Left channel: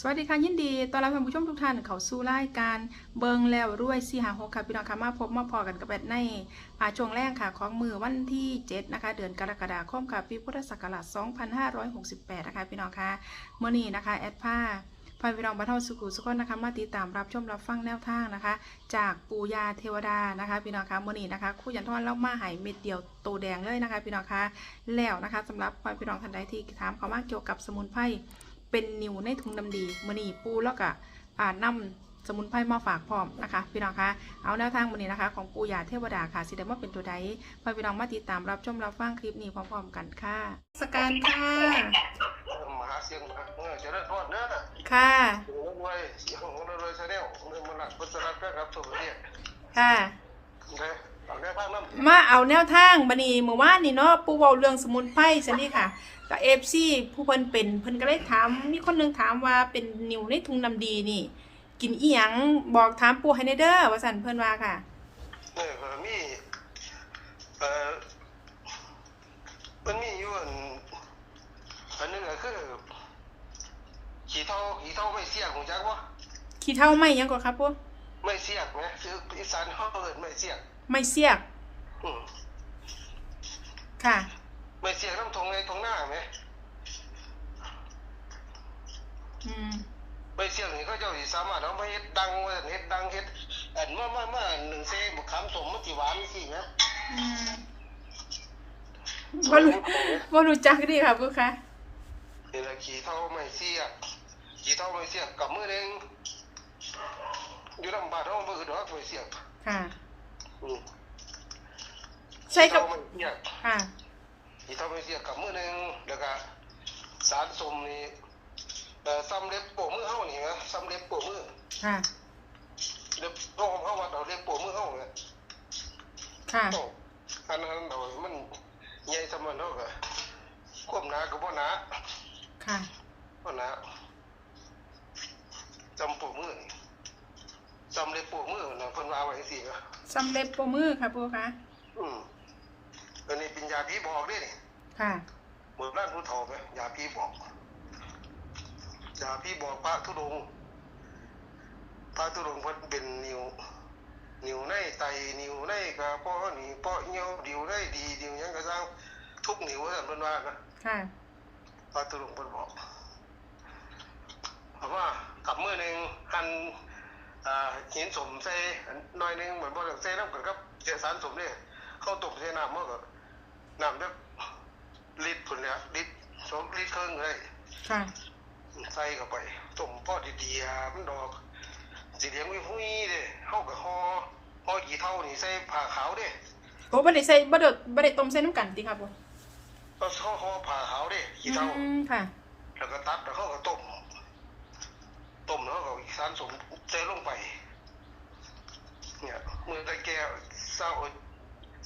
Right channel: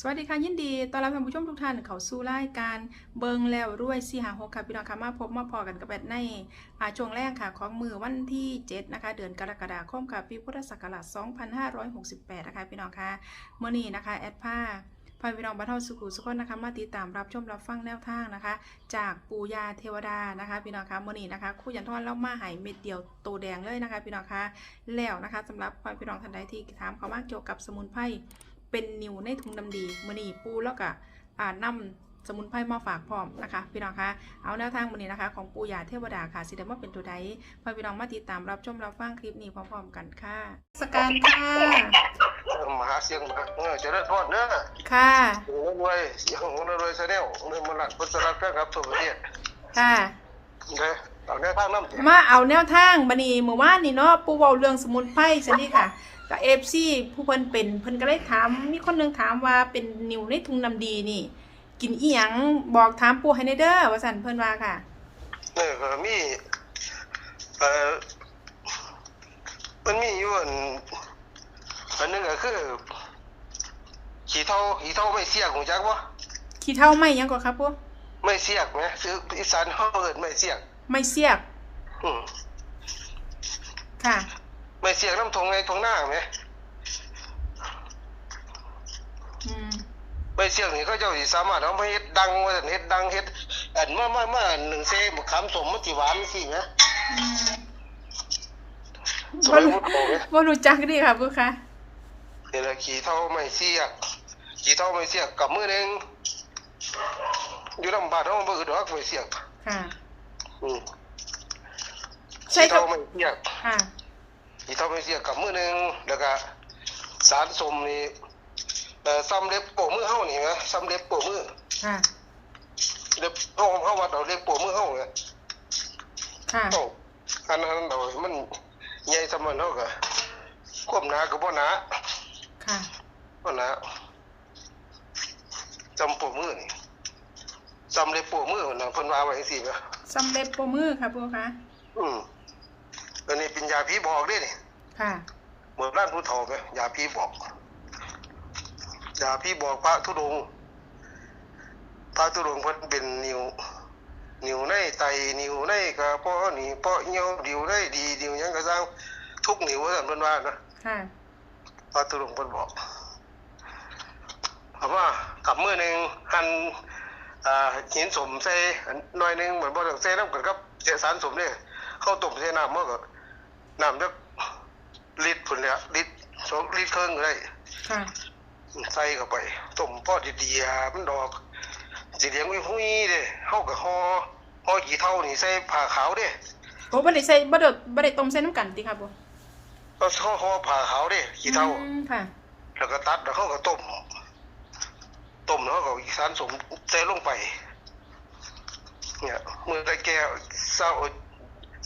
สวัสดีค่ะยินดีต้อนรับท่านผู้ชมทุกท่านเข้าสู่รายการเบิงแล้วรวยสี่หาหกค่ะพี่น้องค่ะมาพบมาพอกันกับแบดในช่วงแรกค่ะของมือวันที่ 7 นะคะ เดือนกรกฎาคมค่ะปีพุทธศักราช 2568 นะคะพี่น้องค่ะเมื่อนี้นะคะ แอดผ้าพาพี่น้องบรรเทาสุขุสุขนนะคะมาติดตามรับชมรับฟังแนวทางนะคะ จากปูยาเทวดานะคะพี่น้องคะเมื่อนี้นะคะคู่ยันทอนเล่ามาหายเม็ดเดียวโตแดงเลยนะคะพี่น้องคะแล้วนะคะสำหรับพี่น้องท่านใดที่ถามเขามากเกี่ยวกับสมุนไพร เป็นนิวในถุงดำดีมือนีปูแล้วก็อ่านำสมุนไพรมาฝากพร้อมนะคะ พี่น้องคะเอาแนวทางมือนี้นะคะ ของปูยาเทวดาค่ะสิเดว่าเป็นตัวใดพาพี่น้องมาติดตามรับชมรับฟังคลิปนี้พร้อมๆกันค่ะสการค่ะมหาเสียงมหาเออจะได้พอดเนอะค่ะโอ้รวยเสียงของรวยชาแนลเงินมันหลักพุทธรัตน์ครับทั่วประเทศค่ะ เลยเอาแนวทางน้ำมาเอาแนวทางบันนี้เมื่อวานนี่เนาะปูเว้าเรื่องสมุนไพรสันนี่ค่ะกับเอฟซีผู้เพิ่นเป็นเพิ่นก็เลยถามมีคนหนึงถามว่าเป็นนิวในถุงดำดีนี่ กินอีหยังบอกถามปูให้ในเด้อว่าสันเพิ่นว่าค่ะเนี่ยก็มีเอ่อมันมีอยู่อันอันหนึงก็คือขี่เท่าขี่เท่าไม่เสียกของจักวะขี้เท่าไหมยังก็ครับปูไม่เสียกไหมคืออีสานเขาเอิ้นไม่เสียก ไม่เสียก อืมค่ะ ไม่เสียกน้ำทงในทงหน้าไหมอืม ไม่เสียกนี่เขาเจ้าสิสามารถเอามาเฮ็ดดังว่าซั่นเฮ็ดดังเฮ็ดอันมามามาหนึ่งเซ่มะขามสมมันสิหวานสินะอืมบ่รู้บ่รู้จักดีค่ะปูค่ะ เดี๋ยวขี่เท่าไม่เสียกขี่เท่าไม่เสียกกับมือหนึงอยู่ลำบากเนาะบ่คือดอกไม่เสียกค่ะ อืมใช่กับขี่เท่าไม่เสียกค่ะขี่เท่าไม่เสียกกับมือหนึงแล้วก็สารสมนี่เอ่อซ้ำเล็บโปะมือเฮานี่นะซ้ำเล็บโปะมือค่ะเล็บเฮาเฮาวัดเอาเล็บโปะมือเฮาเนี่ยค่ะเฮาอันนั้นเรามันใหญ่สำมันเฮาก็ควบหนาก็บ่หนาค่ะบ่หนาจำโปะมือนี่ จำเล็บโปะมือนะเพิ่นว่าไว้จังซี่นะสำเร็จปรบมือค่ะปูค่ะอืมอันนี้เป็นยาผีบอกด้วยนี่ค่ะ เหมือนร้านผู้เฒ่าไหมยาผีบอกยาผีบอกพระธุดงค์พระธุดงค์เพิ่นเป็นนิ้วนิ้วในไตนิ้วในกระเพาะนี่เพาะเหี่ยวดิ้วได้ดีดิ้วหยังก็สร้างทุกนิ้วว่าซั่นเพิ่นว่านะค่ะ พระธุดงค์เพิ่นบอกเอาว่ากับมือหนึงหั่น อ่าหินสมใส่อันหน่อยหนึงเหมือนบ่ต้องใส่น้ำกันครับเจสารสมเนี่ยเข้าต้มใส่น้ำมันก็น้ำจักลิตรพุ่นแหล้วลิตรสองลิตรครึ่งก็ได้ค่ะใส่เข้าไปต้มพอดีๆอะมันดอกสิเลี้ยงวิหุ้ยเด้เฮาก็ห่อห่อกี่เท่านี่ใส่ผ้าขาวเด้โอ้บ่ได้ใส่บ่ได้บ่ได้ต้มใส่น้ำกันติค่ะปูก็ห่อห่อผ้าขาวเด้กี่เท่าอืมค่ะแล้วก็ตัดแล้วเขาก็ต้ม ต้มแล้วเขาก็อีกสารสมใส่ลงไป เนี่ยมือได้แก้วเศร้า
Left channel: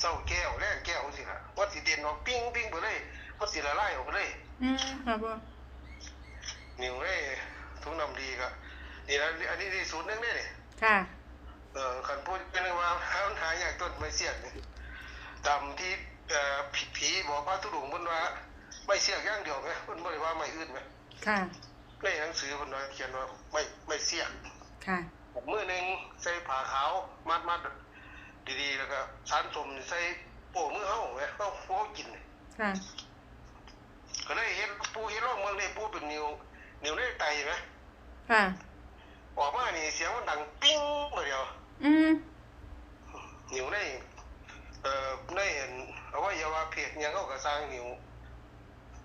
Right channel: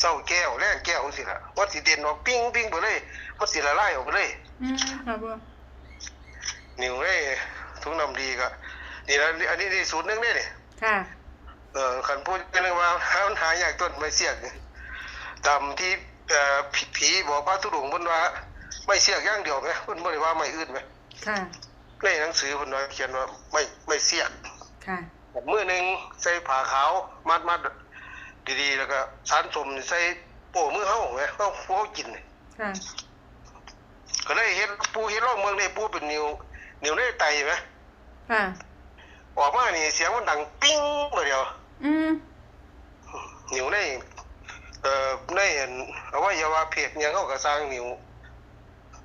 เศร้าแก้วแรงแก้วสิล่ะวัดสิเด่นออกปิ้งปิ้งไปเลยวัดสิละลายออกไปเลยอืมค่ะปูนิ้วได้ทุกน้ำดีก็นี่นะอันนี้นี่สูตรหนึงเนี่ยนี่ค่ะเออขันพูดกันเลยว่าหาหาอยากต้นไม่เสียกนี่ตามที่เอ่อผีผีบอกพระทุดงค์เพิ่นว่า ไม่เสียกอย่างเดียวไหมเพิ่นบ่ได้ว่าไม่อื่นไหมค่ะ ในหนังสือเพิ่นว่าเขียนว่าไม่ไม่เสียกค่ะมือหนึงใส่ผ้าขาวมัดมัดดีๆ แล้วก็สารสมใส่โป้มือเฮาไหมเฮาผู้เฮากินนี่ค่ะก็เลยเห็นปูเห็นร่องเมืองนี่ปูเป็นนิ้วนิ้วในไตไหมค่ะออกมานี่เสียงมันดังปิ้งมาเดียว อืมนิ้วในเอ่อในอันอวัยวะเพศหยังเขาก็สร้างนิ้ว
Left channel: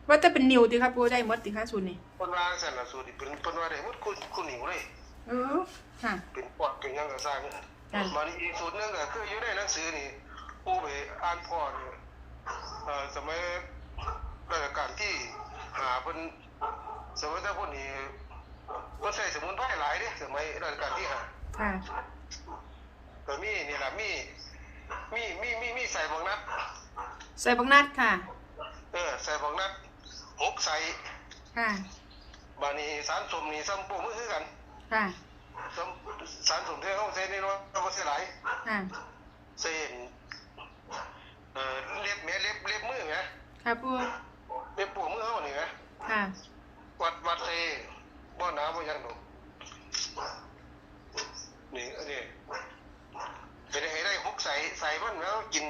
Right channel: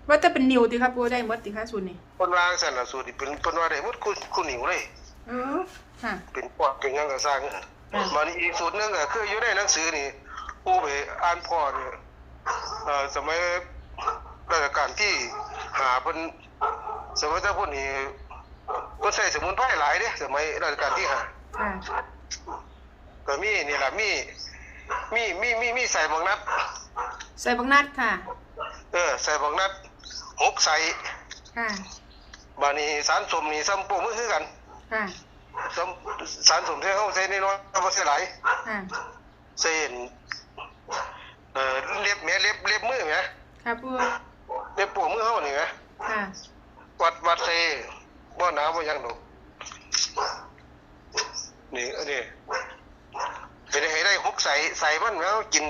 ว่าแต่เป็นนิวติค่ะปูได้หมดติค่ะสูตรนี้คนวางสันน่ะสูตรนี่เป็นเพิ่นว่าได้หมดคุณคุณนิ้วเลยเออค่ะเป็นปอดเป็นหยังก็สร้างค่ะมันอีกสูตรหนึงก็คืออยู่ในหนังสือนี่ผู้ไปอ่านพ่อนี่เอ่อสมัยราชการที่หาเพิ่นสมัยเจ้าพุ่นนี่เพิ่นใช้สมุนไพรหลายเด้สมัยราชการที่หาค่ะก็มีนี่ล่ะมีมีมีมีมีใส่บางนัดใส่บักนัดค่ะ เออใส่บางนัด หกใส่ค่ะ บานี้สารสมนี่ซ้ำโป้มือคือกันค่ะ ซ้ำสารสมที่เขาใส่น้อยๆบ่ใส่หลายค่ะใส่เห็นเอ่อเล็บแม่เล็บเล็บมือแม่ค่ะปูเล็บโป้มือเฮานี่แม่ค่ะ วัดวัดใส่บ่บ่หนาวบ่หยังหนูนี่อันนี้เป็นให้ได้หกใส่ใส่มันแล้วกิน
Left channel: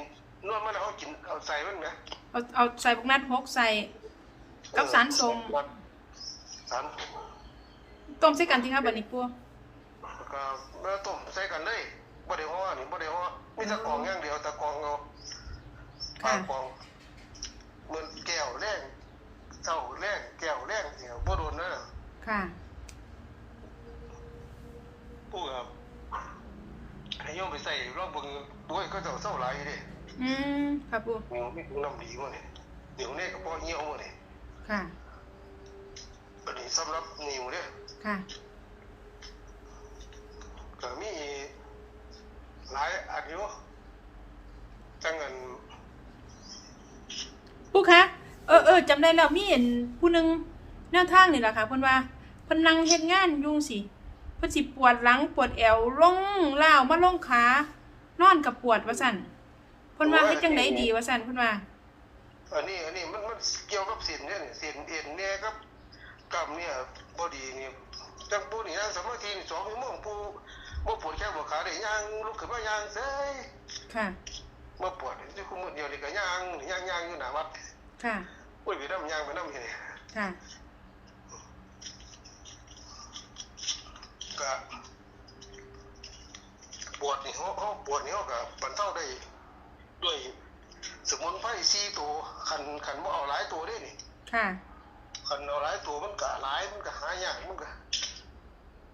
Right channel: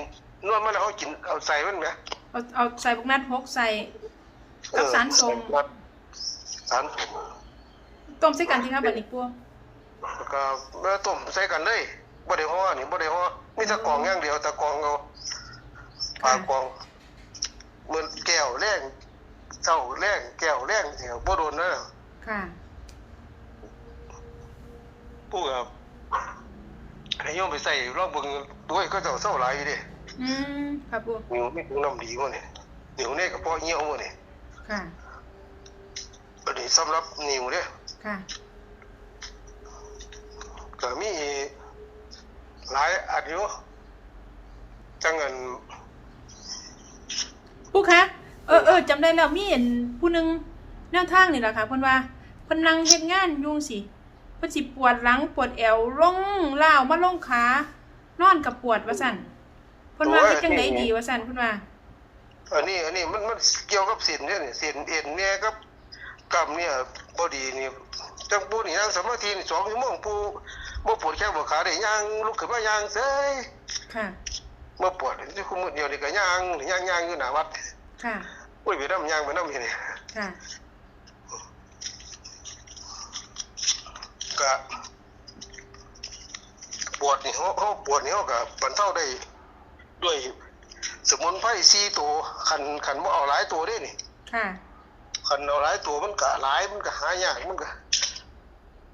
นวดมันแล้วเอากินเอาใส่มันไหมเอาเอาใส่พวกนัดหกใส่ กับสารส้มสารต้มใส่กันที่ครับบัดนี้ปัวแล้วก็มาต้มใส่กันเลยบ่ได้ฮ้อนี่บ่ได้ฮ้อมีแตะกรองอย่างเดียวแตะกรองเอาปาค่ะกกรองเหมือนแก้วแรงเจ้าแรงแก้วแรงเสียบ่โดนนะค่ะผู้กับให้โยมไปใส่รอบเบิ่งด้วยก็เจ้าเศร้าหลายอยู่ดิอืมค่ะปัวนิ้วมีถุงน้ำดีบ่นี่นิ้วนี่ก็พอเหี่ยวบ่นี่ ค่ะอันนี้สำหรับนิ้วเด้ค่ะก็มีหลายอันอยู่จังเงินปูคะเออเออจำได้แล้วมีเห็นผู้หนึงแนวทางนี่แหละค่ะเพิ่นว่าเพิ่นนั่งเฮ็ดงานอยุ่จั่งสิเพิ่นสิปวดหลังปวดแอวลงล่าวมาลงขานอนกับปวดว่าซั่นเพิ่นว่าเฮ็ดจังไดดีว่าซั่นเพิ่นว่า อันนี้อันนี้มันมันเกี่ยวกับเส้นเนี่ยนี่เส้นเอ็นเนี่ยกับกล้ามเนี่ยบ่ดีนี่จังปูนี่นั่งสมาธินี่2ชั่วโมงปูบ่ปวดแข้งบ่ขาได้ย่างลุกขึ้นมาย่างเซ้ยค่ะบ่ปวดที่คุมื้อเดียวนี่ก็ย่างย่างย่างอยู่หน้าวัดค่ะอุ้ยไปนำย่างไปนำเฮ็ดนี่ค่ะก็ปวดนี่เฮาเฮาปวดนี่เฮาก็บรรเทาได้ด้วย สมุนไพร4ตัวคันคันบ่เอาหลายตัวเด้นี่ค่ะคันเอาหลายตัวมันก็หลายมันก็หายากมันก็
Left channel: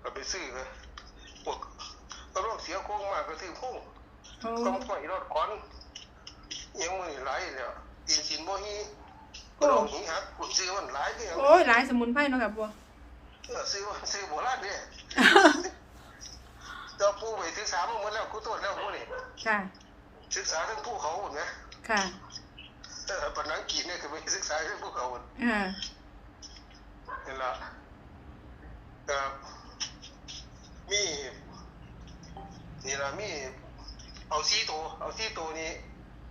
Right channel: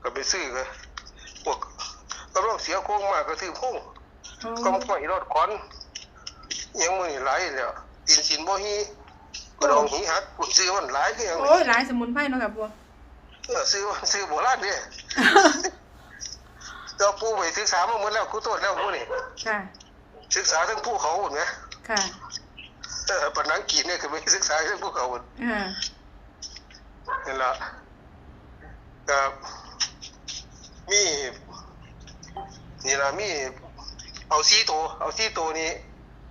ก็ไปซื้อก็พวกกำลังเสียโค้งมากก็ซื้อโค้งโอ้กำไฟรถขอนอิหยังมือนี่หลายแล้วอินสินบ่ฮีก็ลองหีหักกุซื้อมันหลายคือหยังโอ้ยหลายสมุนไพรเนาะค่ะปัวเออซื้อมันซื้อโบราณเด้เจ้าปู่ไปศึกษามาหมดแล้วกูโทษแล้วผู้นี่ค่ะศึกษาทั้งภูเขาหมดไง ค่ะเออปนังกีเนี่ยคือไม่ศึกษาทั้งภูเขาหมดอ่านั่นละก็มีนี่ละมีเอาซีโตวเอาซีโตวนี้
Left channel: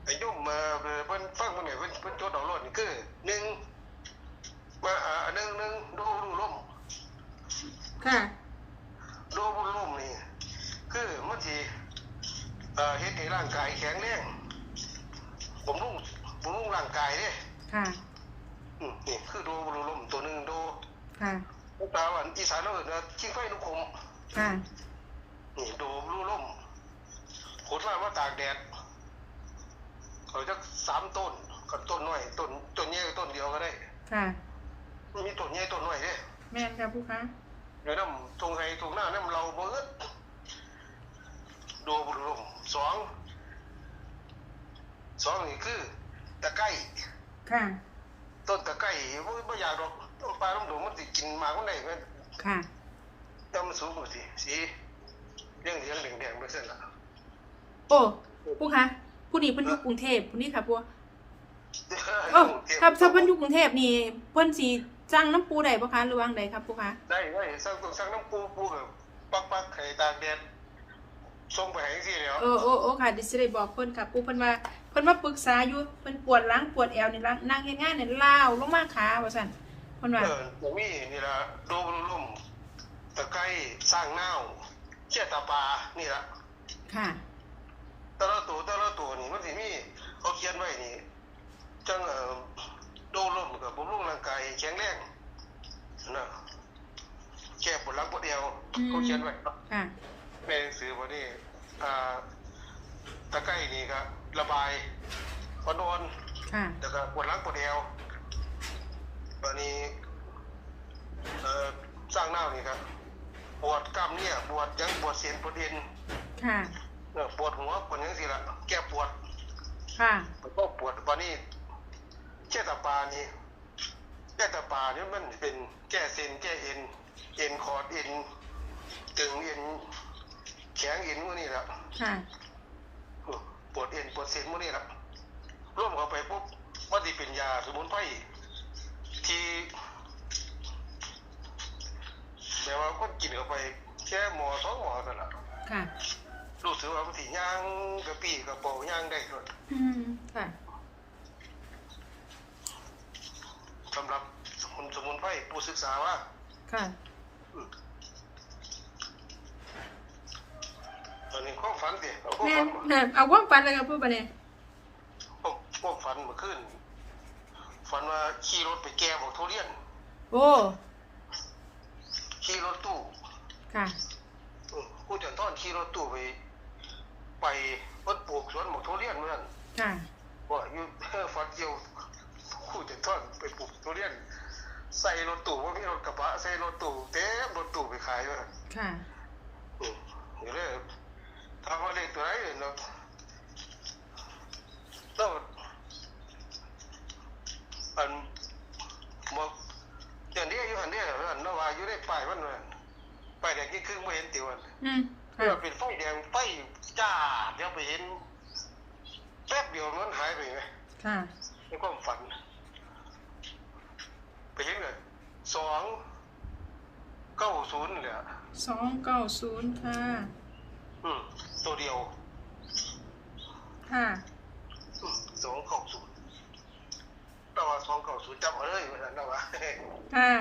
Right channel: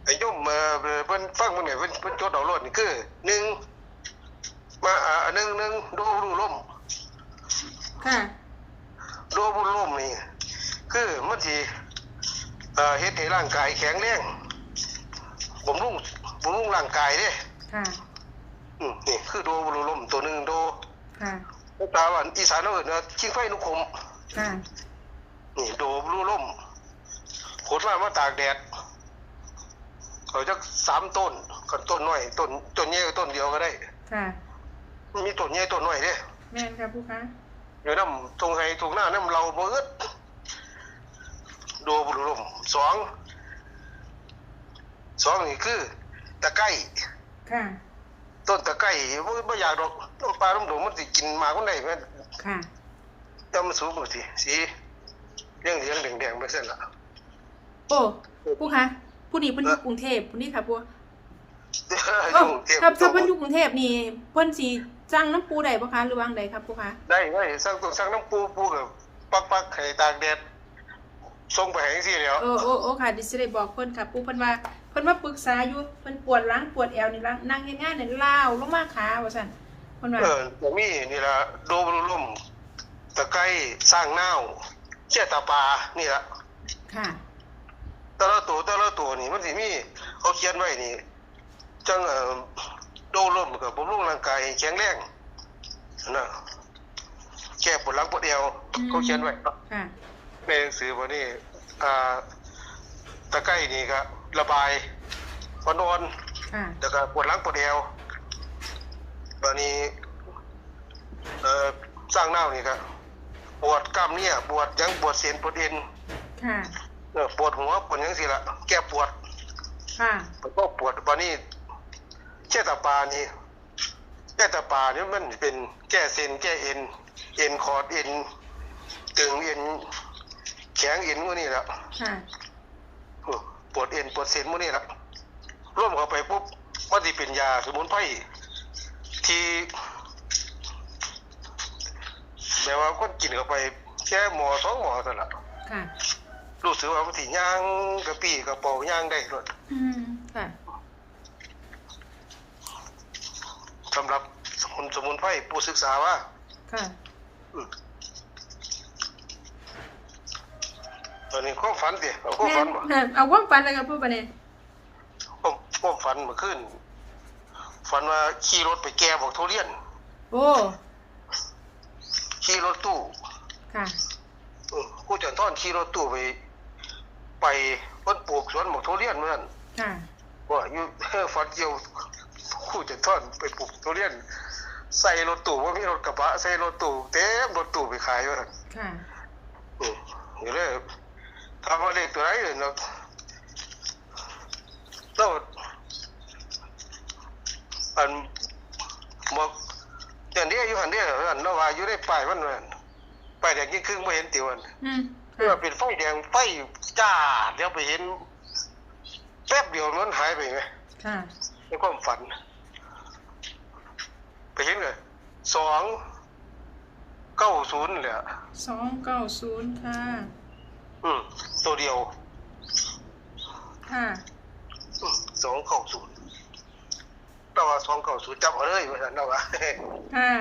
ไอ้ย่อมมาเพิ่นฟังมันไงเพิ่นเพิ่นจดเอารถนี่คือหนึ่งมาอ่าหนึ่งหนึ่งดูรูล่มค่ะดูรูล่มนี่คือมันสิเอ่อเฮ็ดให้ร่างกายแข็งแรง บำรุงบำรุงร่างกายเด้ค่ะ อืมนี่คือดูรูล่มตัวหนึ่งดูค่ะตาวันอีสานเราเอิ้นว่าชิงไฟนุคม ค่ะ นี่โดบรูล่มขดมามาตากแดดเขาจะสามต้นกันต้นน้อยต้นต้นใหญ่กับต้นเดียวก็ได้ ค่ะ มีต้นใหญ่ต้นน้อยเด้แม่นค่ะผู้ค้าอยู่น้ำตรงไห้ตรงหน้าน้ำเราบ่อึดโดบรูล่มสอง สองนี่คือตะไคร้ค่ะ ต้นตะไคร้บ่บ่อยากดอกน้ำปลาน้ำโดงมันสิกินหมากมันได้แม่นค่ะแต่มันสูงกว่าสิสีเหลืองเหลืองๆแดงๆไปเส้นละโอ้ผู้ค้าผู้นี้เพิ่นอยู่กรุงเทพผู้นี้ค่ะปัวเอโอ้อถ้าถ้าเพิ่นอยู่กรุงเทพนี่เพิ่นสิจ้างน้ำปูได้บ่คะหรือวางใดครับผู้ค้าได้ได้สั่งต้องสั่งน้ำปูปูกับปักปักไข่ตากแดดส่งไปให้สิแล้วเออโอ้โอ้ค่ะดิสิได้บอกเพิ่นค่ะปูเพิ่นว่า เพิ่นมาปรึกษาอยู่เพิ่นปวดหลังปวดแอวนี่ล่ะนั่งเฮ็ดงานนี่ล้าวลงมาขาว่าซั่นเพิ่นว่าเอออย่างนี้นี่ละโดบรุลุ่มตะไคร้สร้างเน่าวเชี่ยตาปลานี่ละค่ะแต่ละตัวแต่ละตัวนี่มันสิมีเขาเขียนไว้นี่จังเอ่อโดลุ่มกับบำรุงร่างกายให้แข็งแรงนะแก้ปวดหลังปวดเอวอืมเขาเขียนไว้ค่ะในหนังสือวันนี้อ่าตะไคร้นี่ก็ ระบายพอนอนค่ะแล้วก็ปวดหลังปวดเอวตอนนี้เอ่อสร้างเน่านี่ครับปวดกล้ามเนี่ยปวดหยังปวดเส้นปวดเอ็นค่ะเออปวดหัวปวดหยังสิละแก้ปวด ค่ะแล้วก็ปวดตอนนี้แก้ตาปลานี่แก้ตาปลานี่มันเป็นแก้เส้นแก้เอ็น เอ็นคอร์ดเอ็นตึงเอ็นแข็งเอ็นพวกนี้แหละค่ะ ปวดเอ็นปวดเส้นพวกนี้แหละร่วมเข้าไปปุ๊บมันจะเป็นยาสมุนไพรที่แบบว่าก็กินเข้าไปแค่หมอสองหมอเท่านั้นละค่ะรู้สึกว่ามันสิย่างกระปี้กระเป๋าย่างได้เลยอืมค่ะสำหรับสมุนสมุนไพรผู้ศึกษาว่า ค่ะ ตอนนี้ความฝันดิเอาความแม่ฝันนบ่แม่นเอาความฝันเลยครับพูดไปเนี่ยความความฝันเมื่อคืนฝันว่าขี่รถไปแก้บอกทุเรียน โอ้ขี่รถตู้ค่ะเออกูจะต้อนขี่รถตู้ไป ไปวัดปลูกสวนบอกทุเรียนเหมือนกันค่ะว่าอยู่ ฝันเกี่ยวกูจะต้อนไปปลูกทุเรียน ใส่รถตู้ว่ามีรถกระบะใส่รถตู้เต็มรถตู้ไปขายว่าค่ะ อืมอยู่เลย ทำอะไรตัวไหนเนาะโตดอันบอกอย่างนี้อยู่หันเนี้อันนว่าอยู่ได้ป้ายมันมันป้ายแดงยิ่งครึ่งไม่เห็นติวันอืมเพื่อค่ะเป็นไฟแดงไฟจ้าเดี๋ยวไปเห็นแป๊บเดียวมันหายไปไหมค่ะในความฝัน ไปเห็นเลยสองเก้าศูนย์เลยอะสองเก้าศูนย์ค่ะ อืมตัวเดียว ค่ะอืมสองเก้าศูนย์เราว่าสองเก้าศูนย์จับเอาเลยว่าซั่นเราว่าค่ะ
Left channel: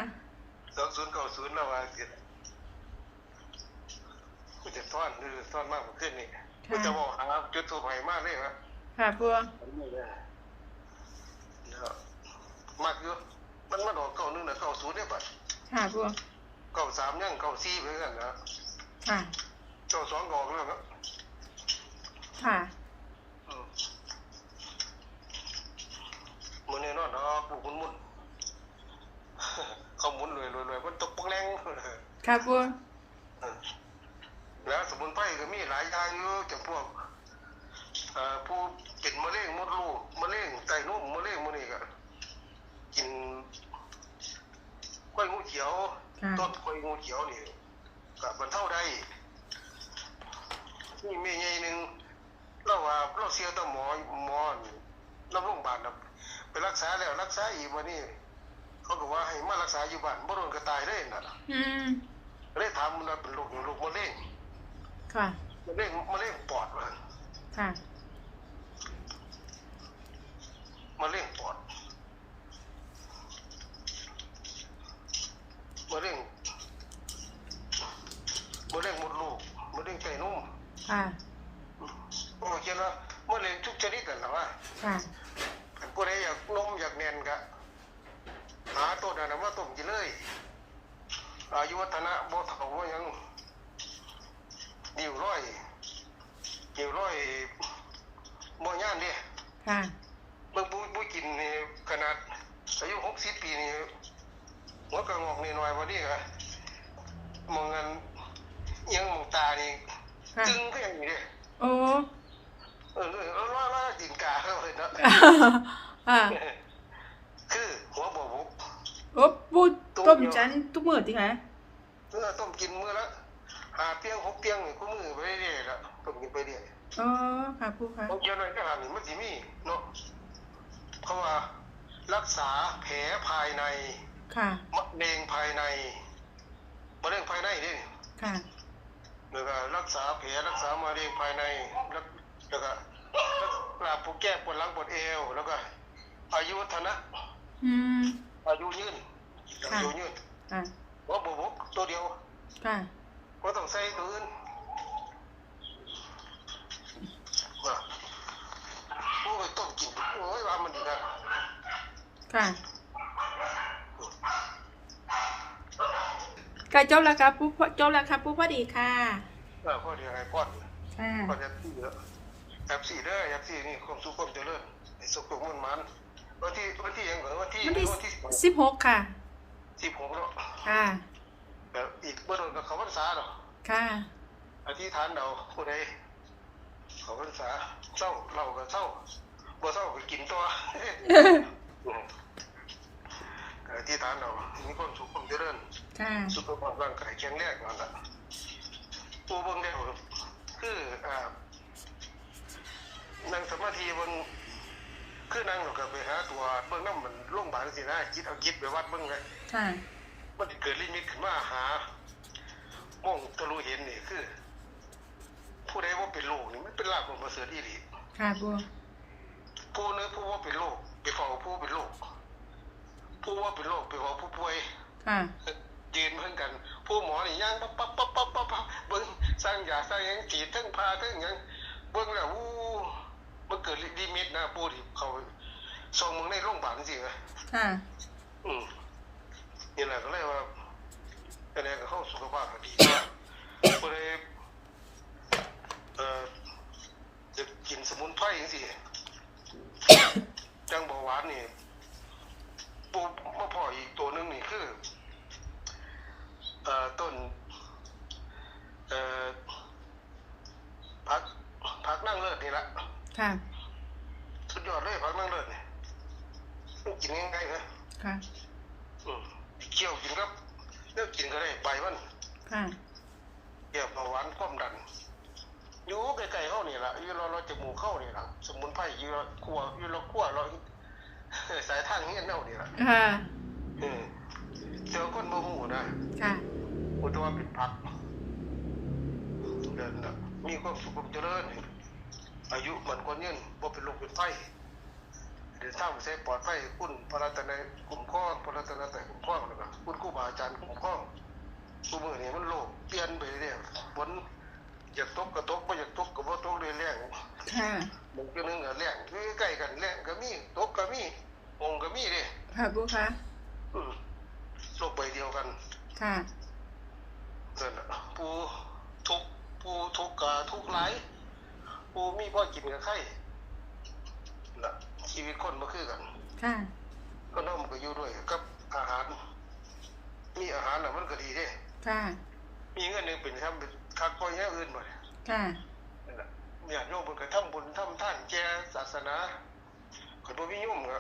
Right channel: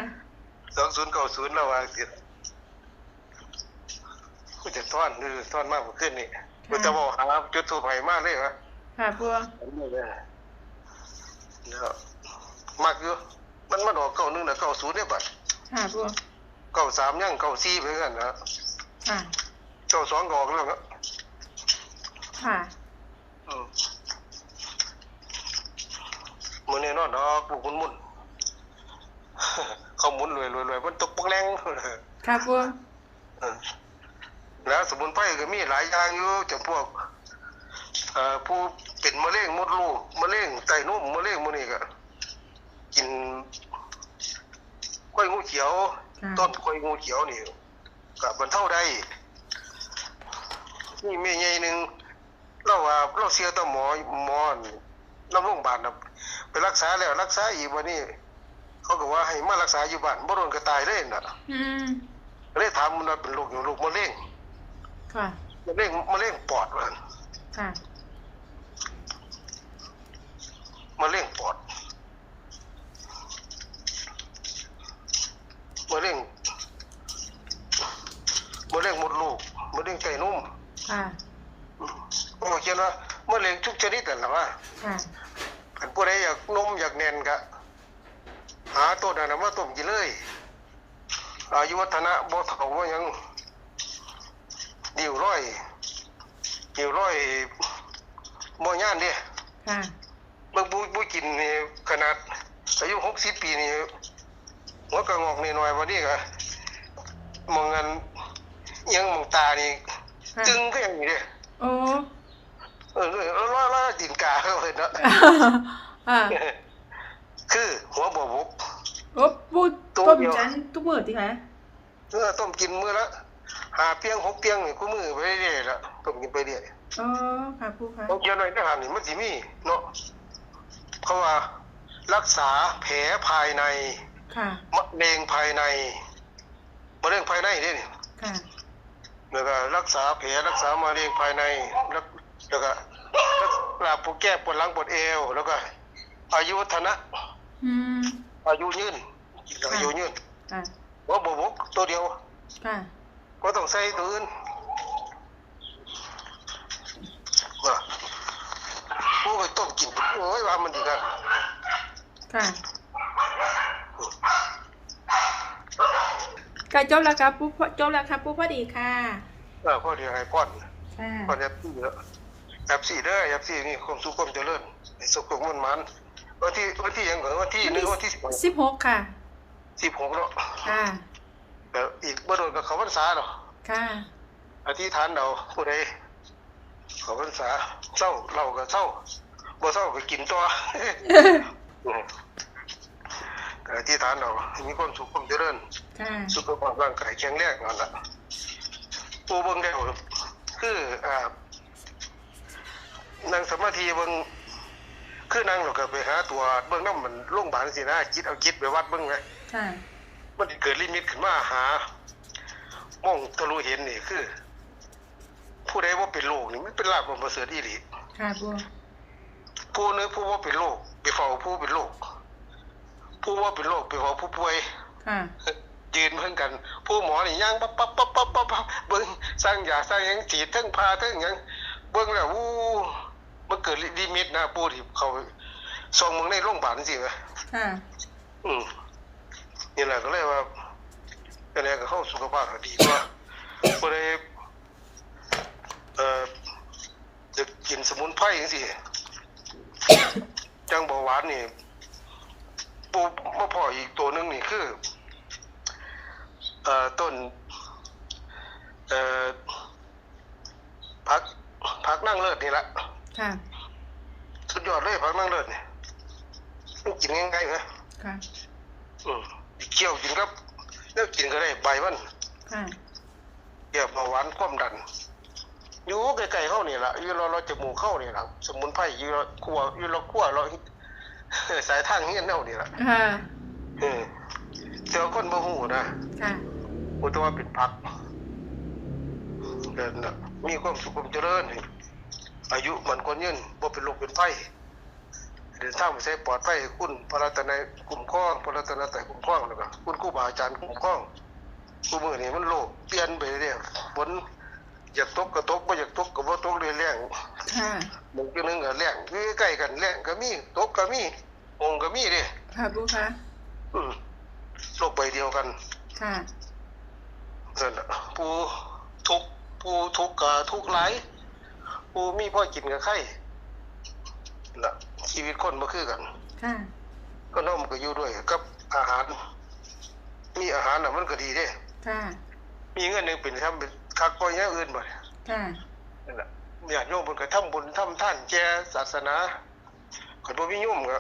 สองศูนย์เก้าศูนย์เราว่าเสียกูจะซ่อนคือซ่อนมากกว่าขึ้นนี่กูจะบอกหาจุดถูกไหมากเลยวะค่ะปัวแล้วมากอยู่มันมันออกเก้าหนึ่งนะเก้าศูนย์เนี่ยบัดค่ะปัวเก้าสามยังเก้าสี่ไปกันนะค่ะเก้าสองก็ออกแล้วนะค่ะอื มมันแน่นอนเนาะปลูกมุนมุนเขาหมุนรวยรวยรวยมันตกปักแรงค่ะปัวแล้วสมุนไพรก็มีหลายอย่างอยู่จำพวกเอ่อผู้เป็นมะเร็งมดลูกมะเร็งไตนุ่มมะเร็งมื้อนี้ก็กินกล้วยงูเขียวค่ะต้นกล้วยงูเขียวนี่ก็บรรเทาได้นี่แม่ใหญ่หนึง เราว่าเราเสียต่อหมอหมอน้ำโรงพยาบาลน่ะไปรักษาแล้วรักษาอีกวันนี้เขาก็ว่าให้มารักษาอยู่บ้านบ่โดนก็ตายเลยน่ะอืมเลยถามมันว่าเป็นโรคอยู่โรคมะเร็งค่ะมะเร็งมะเร็งปอดว่าค่ะมะเร็งปอดมะเร็งมะเร็งมดลูกมะเร็งไก่นุ่มค่ะ โอ้เขียนว่ามะเร็งทุกชนิดนั่นแหละว่าค่ะอันผู้ใดอยากนมอยากแน่นก็หาตัวนั้นนะมาต้มกินเลยอายุวัฒนะบ่เฒ่าบ่หยังดิ่วร้อยดิ่วร้อยบ่ย่านเนี่ยค่ะเบิ่งผู้ผู้กินนี่ขนาด อายุหกสิบปีนี่หัวกระงอกนี่หน่อยวันนี้ก็มองกันอิหยังมองตานี่ค่ะจึงก็อย่างนี้เด้โอ้ เออเออล่าล่าดินกาเข้าไปเนาะอ่าคือหัวบ่บุกโอ้ปูต้มจันทุกมื้อติคะเออต้มกินมื้อละหาเปียงหกเปียงนี่กูมือไปเรื่อยๆละต้มกินไปเรื่อยอ๋อค่ะปูค่ะต้องเขียนไว้ในหางนี่มันสิมีเนาะเขาว่ารักษาแผลภายใน ค่ะมะเร็งภายในมะเร็งภายในนี่ค่ะแล้วก็รักษาแผลรักษามะเร็งภายในแล้วแล้ว ก็รักษาปวดแก้ปวดหลังปวดเอว แล้วก็ อายุวัฒนะอืมอายุยืนค่ะอายุยืนค่ะว่าบวกตัวเดียวค่ะก็ต้องใส่ตัวอื่นว่าผู้ไปต้มกินโอ้ยว่ามันดีกันค่ะก็จบแล้วครับปูจบแล้วครับปูพอดีค่ะเออพ่อเดียวให้พ่อนค่ะพ่อนแอปซี่เยอะ แอปซี่เด้อแอปซี่นี่ความสุขความเจริญให้สุขความมันมันวันที่วันที่ยังเหรอวันที่วันหรือที่วันที่สิบหกค่ะสิบหกเนาะค่ะแต่อีกเมื่อโดนกับเขาพรรษาเนาะค่ะอธิษฐานเราผู้ใดเขาพรรษาเศร้าเราก็เศร้าบ่เศร้าก็กินตัวก็อธิษฐานเราให้มีความสุขความเจริญค่ะสุขภาพร่างกายแข็งแรงนั่นแหละปูเบิ่งแล้วคืออ่า นั่งสมาธิเบิ่งคือนั่งเราก็ไปหาตัวเบิ่งน้ำมันโรงพยาบาลสินะคิดเอาคิดไปวัดเบิ่งไว้ค่ะ มันสิเกิดลิมิตขึ้นมาหามองทะลุเห็นนี่คือ ผู้ใดว่าเป็นโรคนี่มันเป็นลาภของประเสริฐอีหลีค่ะปูผู้นึกผู้ว่าเป็นโรคไปเฝ้าผู้เป็นโรคผู้ว่าเป็นโรคไปเฝ้าผู้ป่วย ค่ะ ยืนเพิ่งกัน ผู้หมอนี่ย่างปั๊บปั๊บปั๊บปั๊บปั๊บปั๊บเบิ่งสร้างยาสร้างหยังฉีดทั้งพาทั้งหยังเบิ่งแล้วอู้ มันเกิดลิมิตนะปูที่เขาส่งมึงในโรงพยาบาลสิไหมค่ะอืมนี่แหละก็เลยว่าก็เลยก็เข้าสุขภาพก็ดีว่าก็เลยเอ่อจะกินสมุนไพรจังซี่จังเบาหวานนี่ปูมาพออีกตัวหนึงนี่คือเอ่อต้นเอ่อพักพักนั่งเลิศนี่ละ ค่ะ สุดยอดเลยพักนั่งเลิศนี่มันกินง่ายๆไหมค่ะ อืมเคี่ยวกินครับแล้วกินก็ได้ใบมันค่ะเกี่ยวเบาหวานความดัน อยู่ใกล้ๆเข้านี่ละอยู่เราเราจมูกเข้านี่ละสมุนไพรอยู่เราคั่วอยู่เราคั่วเราสายทางเฮียนเน่านี่ละค่ะเออเจ้าคนบ่ฮู้นะค่ะอุตว่าเป็นผักเดินน่ะมีความสุขความเจริญ อายุมันคนยืนบ่เป็นโรคเป็นไข้เดินทางไปใช้ปลอดภัยคุณพระรัตนายคุ้มครองพระรัตนตรัยคุ้มครองแล้วก็คุณครูบาอาจารย์คุ้มครองผู้มือนี่มันโลกเปลี่ยนไปเรื่อยฝนอยากตกก็ตกบ่อยากตกก็บ่ตกเลยแรงค่ะบางทีนึงก็แรงคือใกล้กันแรงก็มีตกก็มีองค์ก็มีเด้ค่ะปูคะอืมโลกใบเดียวกัน ค่ะนั่นน่ะผู้ทุกข์ผู้ทุกข์กับทุกข์หลาย ผู้มีพ่อกินกับไข่น่ะชีวิตคนบ่คือกัน ค่ะ ก็น้อมก็อยู่ด้วยกับอาหาร มีอาหารน่ะมันก็ดีเด้ค่ะ มีเงินหนึงเป็นทำเป็นคักก็แย่อื่นบ่เนี่ยค่ะนั่นน่ะญาติโยมเพิ่นก็ทำบุญทำทานแจศาสนาคนบ่มีโยมก็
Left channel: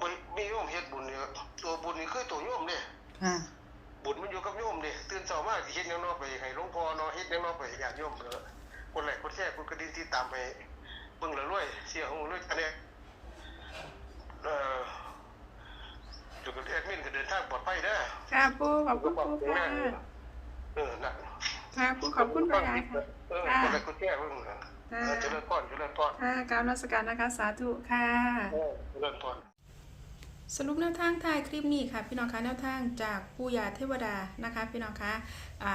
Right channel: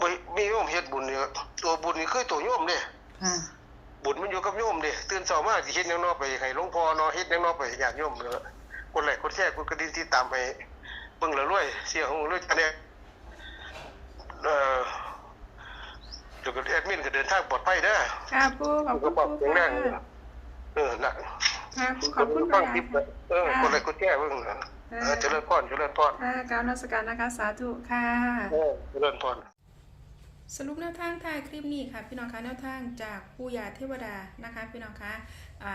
บ่มีโยมเฮ็ดบุญนี่ก็ตัวบุญนี่คือตัวโยมเด้ค่ะ บุญมันอยู่กับโยมเด้ตื่นเช้ามาสิเฮ็ดแนวนอกไปให้หลวงพ่อเนาะเฮ็ดแนวนอกไปให้ญาติโยมเนาะคนแรกคนแท้คนกระดิ่งที่ตามให้เบิ่งและรวยเสียของรวยอันเนี้ยเอ่อเดี๋ยวก็แอดมินก็เดินทางปลอดภัยเด้อค่ะปูขอบคุณปูแข็งแรค่ะงเออน่ะค่ะปูขอบคุณค่ะยายค่ะเออคนแรกคนแท้เบิ่งน่ะเออเจริญพรเจริญพรค่ะกรารนมัสการนะคะสาธุค่ะเออเจริญพร สรุปแนวทางท้ายคลิปนี้ค่ะ พี่น้องคะแนวทางจากปู่ยาเทวดานะคะ พี่น้องคะอ่า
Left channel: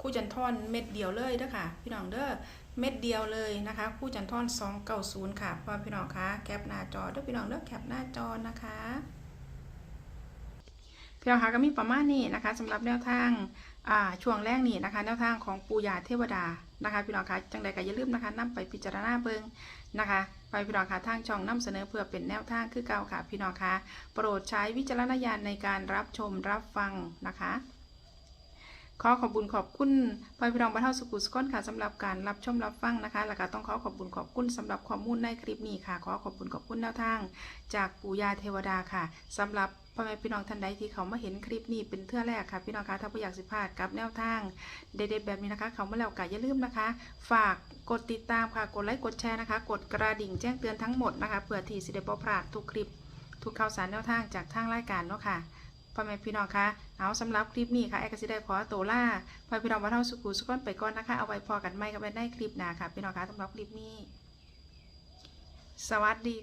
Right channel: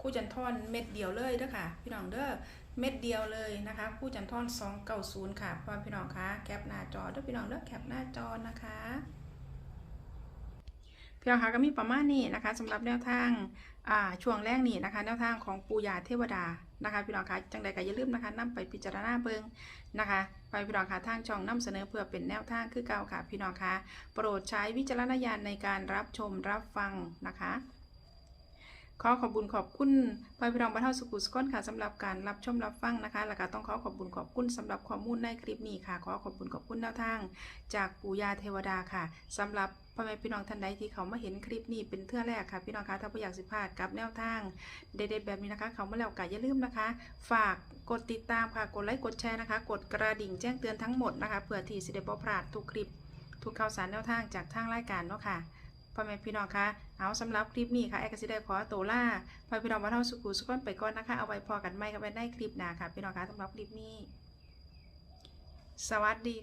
คู่จันทอนเม็ดเดียวเลยเด้อค่ะ พี่น้องเด้อเม็ดเดียวเลยนะคะคู่จันทอน290ค่ะพ่อพี่น้องคะแคปหน้าจอเด้อพี่น้องเด้อแคปหน้าจอนะคะพี่น้องคะก็มีประมาณนี้นะคะสำหรับแนวทางอ่าช่วงแรกนี้นะคะ แนวทางของปูยาเทวดานะคะ พี่น้องคะจังใดก็อย่าลืมนะคะนํไปพิจารณาเบิง นะคะไปพี่น้องคะทางช่องนํเสนอเพื่อเป็นแนวทางคือเก่าค่ะพี่น้องคะโปรดใช้วิจารณญาณในการรับชมรับฟังนะคะ ขอขอบคุญขอบคุณพ่อพี่น้องบ้านเฮาสุขุสก้นค่ะสำหรับการรับชมรับฟังนะคะแล้วก็ต้องขอขอบคุญขอบคุณสำหรับข้อมูลในคลิปนี้ค่ะ ขอขอบคุณขอบคุณแนวทาง จากปู่ยาเทวดาค่ะสำหรับ พ่อแม่พี่น้องท่านใดที่เขามาเห็นคลิปนี้เป็นเทื่อแรกค่ะ พี่น้องคะถ้าไม่อยากสิพลาดกับแนวทางเด็ดๆแบบนี้นะคะ เขามาแล้วก็อย่าลืมนะคะ ฝากกดติดตามค่ะกดไลค์กดแชร์นะคะ กดกระดิ่งแจ้งเตือนทั้งหมดนะคะเพื่อที่สิได้บ่พลาดทุกคลิป ทุกข่าวสารแนวทางจากทางรายการเนาะค่ะพ่อแม่พี่น้องคะเอาสำหรับคลิปนี้ค่ะแอร์กสิได้ขอตัวล่าพ่อแม่พี่น้องมาเท่าสุขุสุขนไปก่อนนะคะ เอาไว้พอกันไม่กันไปในคลิปหนาค่ะ พี่น้องคะสำหรับคลิปนี้ สวัสดี